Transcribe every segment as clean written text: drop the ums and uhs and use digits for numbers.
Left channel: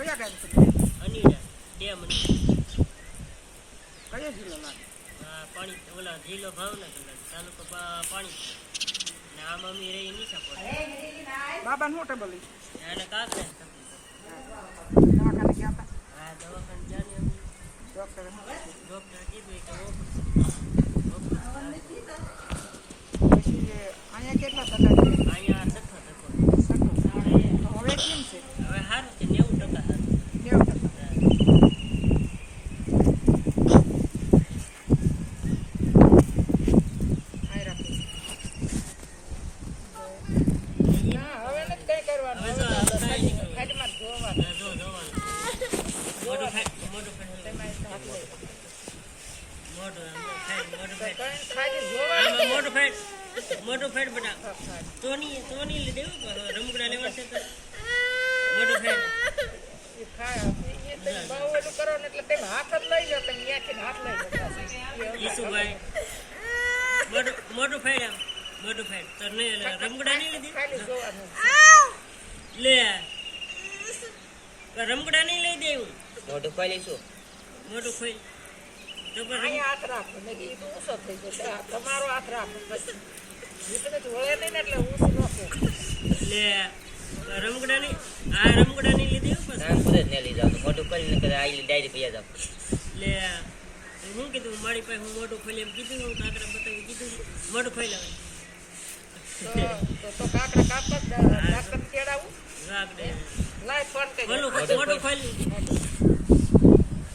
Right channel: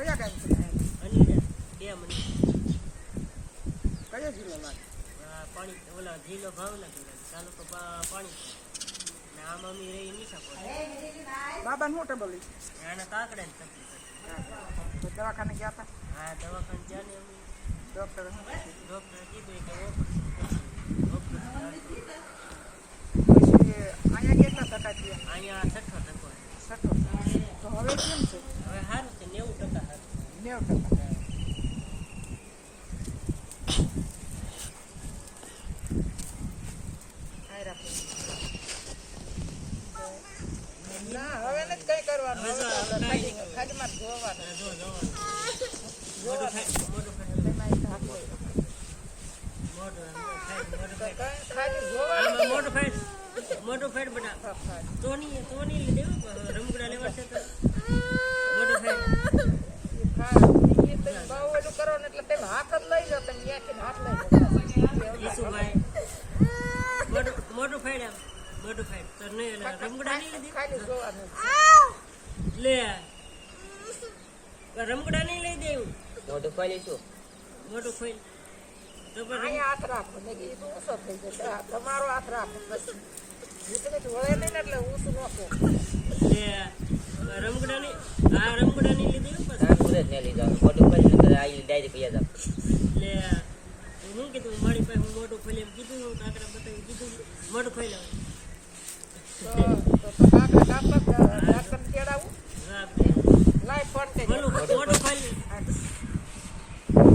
કયા ગામ છે? અનીડા ડેમ કયો જિલ્લો લાગે? પાણી ઓલા જિલ્લો ભાવનગર તાલુકો પાણી ને આમ અમે રહી નીચા પડે બાબાને શું ટેબલ લઈ? અને કાંકરે દવાખાને ગયા હતા? હા દવાખાને ગયા ને અમે ડૉક્ટર કીધું કે અહીંયા કેટલા ટકા છે? અહીંયા 60% તો હવે કેમ છે? હવે સારું છે 90% સારું 90%. મોટું ફેટ બના તોની લઈ દેવું રમકડા લેવા છે તો મોટું ફેટ કરો ને એટલે તમે હાથ જ લઈ જાઓ. તમે હાથ લઈ જાઓ ઈસુભાઈ મોટું ફેટ મોટું ફેટ તો રમકડા નહીં લીધી ખાલી જોવાનું લે રમકડા નહીં લઈ દેવું મોટું ખોલી શું મોટું ખોઈ તો અહીંયા હાથ રાખો ને કીધું ઊંચો થઈ જશે. તમારો હાથ રાખો પછી તમે વળે નહીં ને એટલે ઊંચું નાખો. લે રમકડા નહીં લીધી નામ પૂરે જ ને લઈ જાવ મોટું ખોલી ને આઈ ડાયરી પૈયા જાવ લે હું કીધું મારી પાસે હું મોટું ખોલી એમ કીધું હું કાકડા બતાવી કીધું મોટું ખોઈ લાવે તો કાકડા કાપવા ડાક્ટર કેળાવું લાય ફોન કરી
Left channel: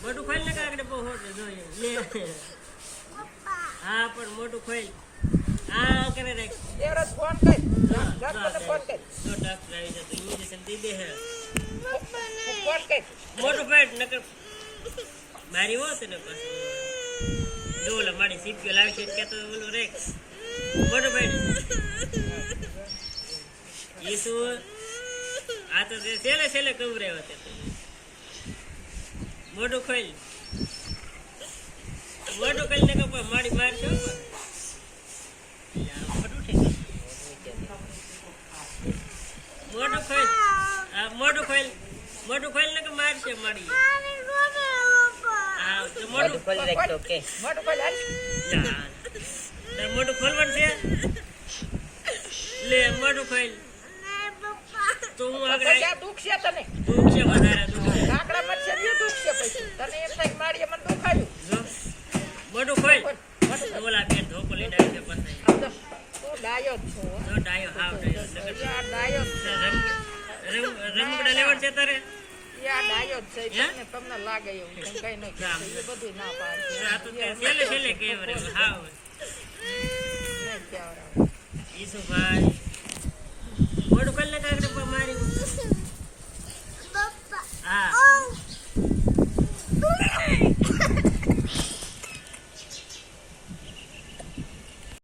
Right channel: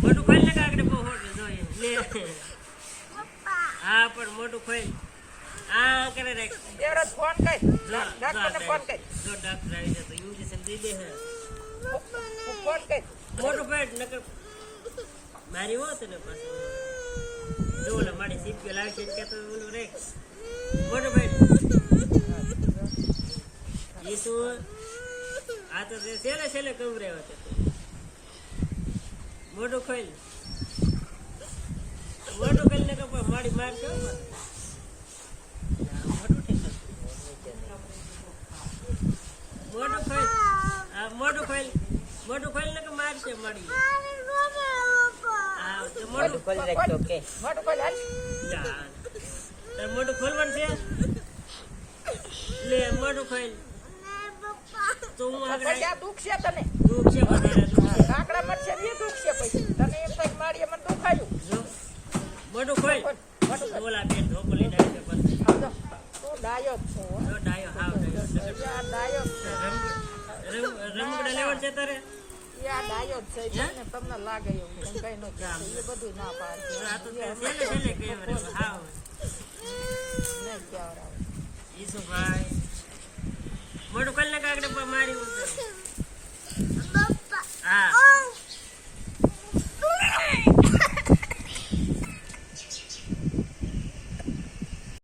મોટું ખોલી ને કાકડે બહુ હોટે જોઈએ હા પણ મોટું ખોઈ હા કરે રે એરો ફોન કરી ડાક્ટરને ફોન કરી તો ડાક્ટર આવી જાય તો ઇન્જેક્શન દઈ દે હે ફોન કરી મોટું ફેટ નકર મારી હોત ને પાછું ડોલ મારી સીપીઓ લાવી છે કે તો ઓલું રે મોટું ફેટ એ શું આ તો છેલ્લે કવરે હોતે મોટું ખોલ ને કપા મારી માર છો મોટું ખોલ ને કે માર છે મારી હા તો મોટું ખોલી રાખજો કે મોટું ખોલ હાલ મોટું ખોલવાનું છે લે મોટું ખોલ તો હું આગળ પૈસા દુખ છે તને દુખ છે વધારે દુખ છે કાકડા મચ્છર ને દુખ છે પછી તને એમ થાય મારી મને દુખાયું જો મોટું ખોલ ઓલા બેન ધોકો લઈને આવી છે પછી તું ડાયો જ છો જો ડાયો હાવ ડાયો આ ડાયો રમકડા લેવાનું છે તારે યા ડાયો જ છે તમને લાગે એવું કઈ ન એ બધું ના પાડે આ તો છેલ્લે કેમ રે હાવ નહીં કેવરાવ ઈસુભાઈ મોટું ખોલ ને કાકડે મારી હા